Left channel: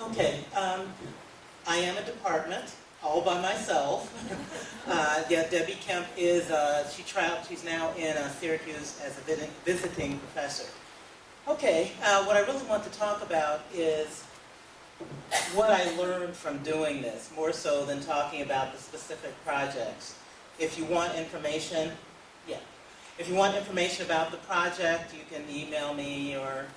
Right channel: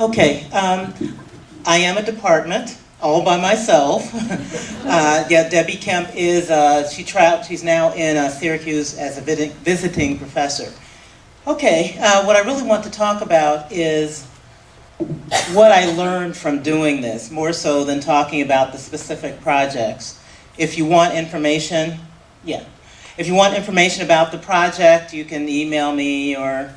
Okay, I am a department all by myself. Yeah, Debbie Kemp is, she's now in Syracuse as a visiting professor. Okay, what I really want to talk about is what I learned from doing this, more so than talking about the specific projects. If you want information, yeah. If you want information about the project, you can email me or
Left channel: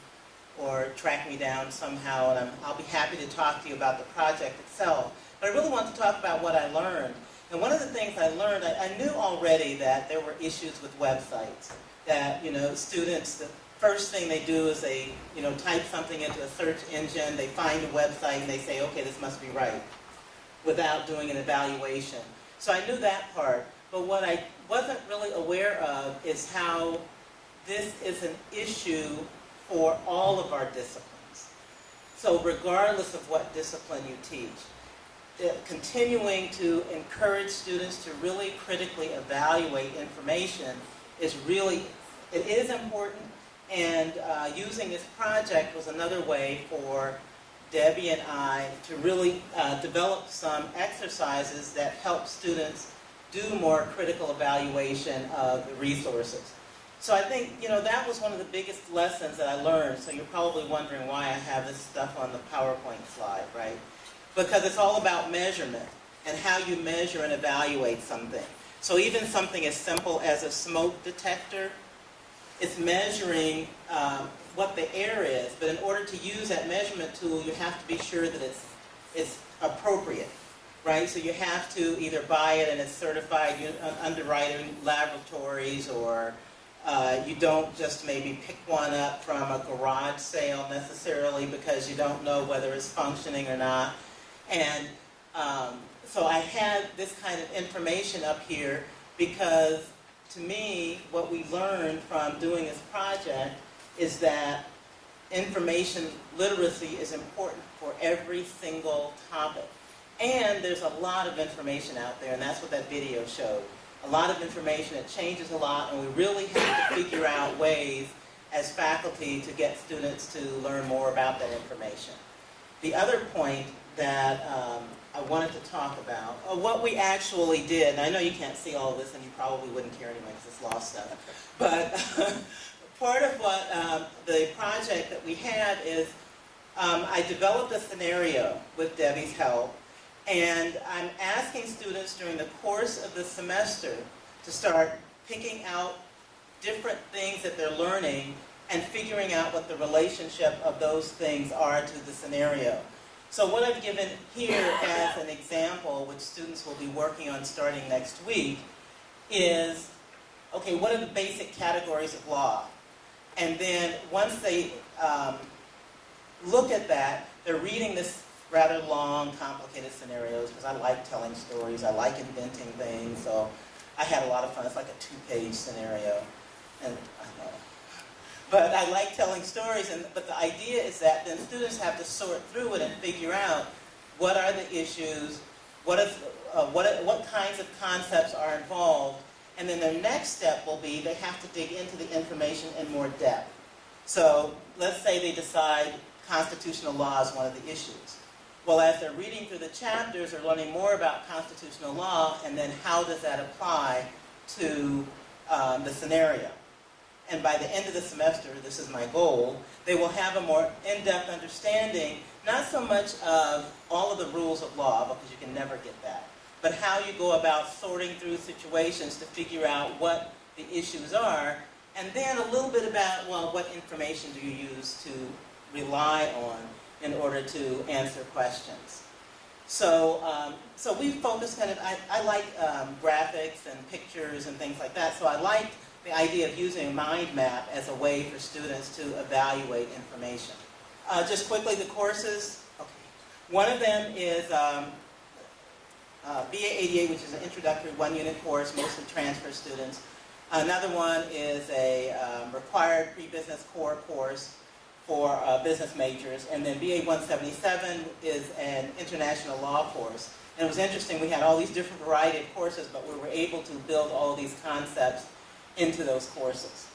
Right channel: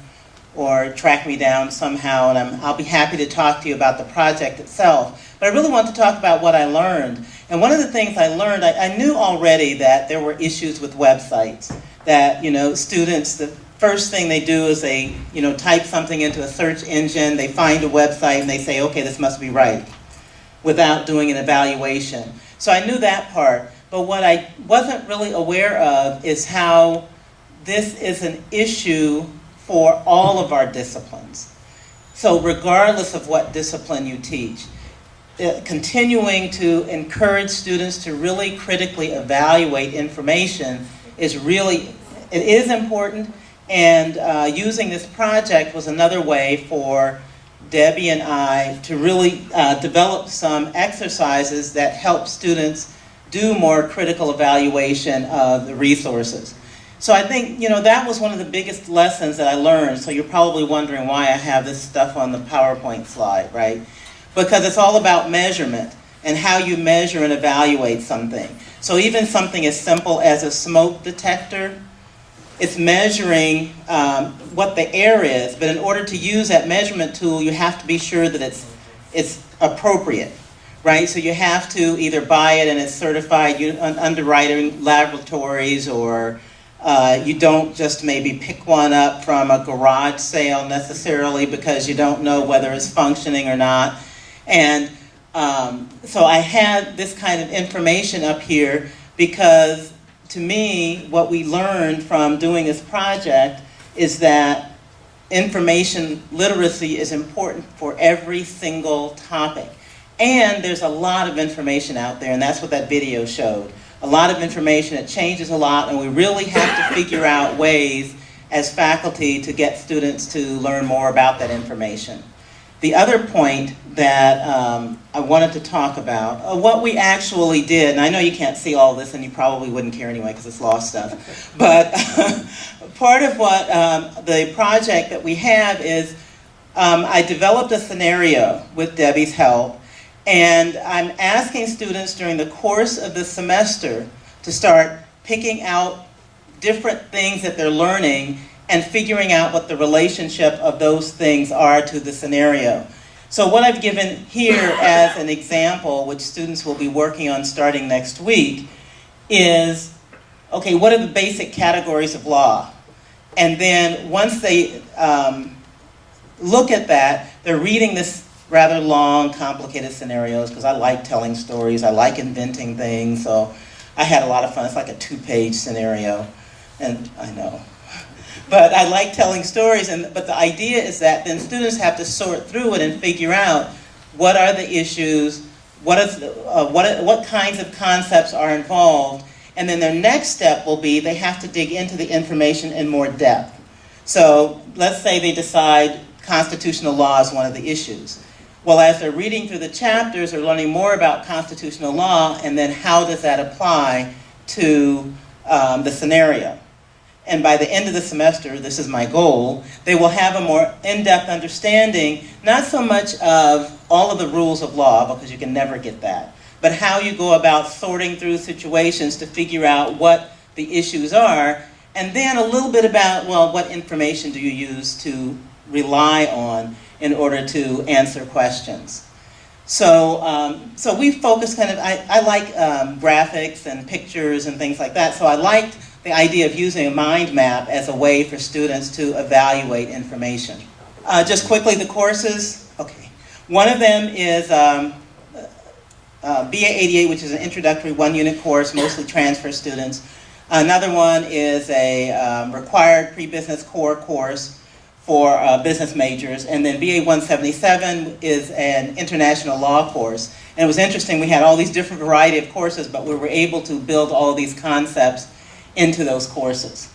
track me down somehow, and I'll be happy to talk to you about the project itself. But I really want to talk about what I learned. And one of the things I learned, I knew already that there were issues with websites, that students, the first thing they do is they type something into a search engine, they find a website, and they say, okay, this must be right, without doing an evaluation. So I knew that part. But what I wasn't really aware of is how this is an issue for all of our disciplines. So regardless of what discipline you teach, continuing to encourage students to really critically evaluate information is important, and using this project was another way for Debbie and I to really develop some exercises that help students do more critical evaluation of the resources. So I think, that was one of the biggest lessons that I learned. So you're probably wondering why I have this stuff on the PowerPoint slide, right? Because it's all about measurement and how you measure and evaluate something. So even something as simple as a smoke detector, it's measuring what the air is, but in order to use that measurement tool, you have to be sure that it's appropriate. Right, so you have to either buy it and it's certified underwriting laboratories, or you don't just maybe pick one up from a garage sale necessarily because you don't know whether it's functioning or not. And so I had this kind of information up here because, to me, what we learned from doing this project is that information literacy is important for every single topic. And there's a lot of information out there, and that's what that video showed. A lot of information, it changes a lot, and we really have to figure out ways as faculty to get students to learn more about that information. The other point that I wanted to talk about, what we actually did, and I know you can't see all this and you probably wouldn't care anyway because it's lost stuff, but part of what the project that we have is I developed a scenario with Debbie's help. And I'm asking students during the course of the semester to start picking out different things that they're learning and figuring out what the relationship of those things are to the scenario. So what I've given here as an example, which students will be working on starting next week, is, okay, what are the basic categories of law? And then once they look at that, they're reading this rather long, complicated scenarios, because I like telling stories, I like inventing things, so I had a lot of fun. It's like a 2-page scenario, and I know. But I like telling stories, but the idea is that then students have to sort through it and figure out what are the issues, what kinds of concepts are involved, and then their next step will be they have to dig into the information in more depth. So let's say they decide constitutional law is one of the issues. Well, as they're reading through the chapters, they're learning more about constitutional law, and then how does that apply to the scenario. And by the end of the semester, this is my goal, they will have a more in-depth understanding, not so much of all of the rules of law, because you can never get that, but how you go about sorting through situations to figure out what the issues are, and then a little bit about, well, what information do you use to rely on in order to answer questions. So we focus I like graphics and pictures and things like that, so I liked the idea of using a mind map as a way for students to evaluate information. Just quickly, the courses, okay. One of them is BA 88, which is an introductory 1-unit course, mostly transfer students. Another one is a required pre-business core course for business majors, and then BA 177 is an international law course. And it was interesting, we had all these different variety of courses, but we were able to build all these concepts into those courses.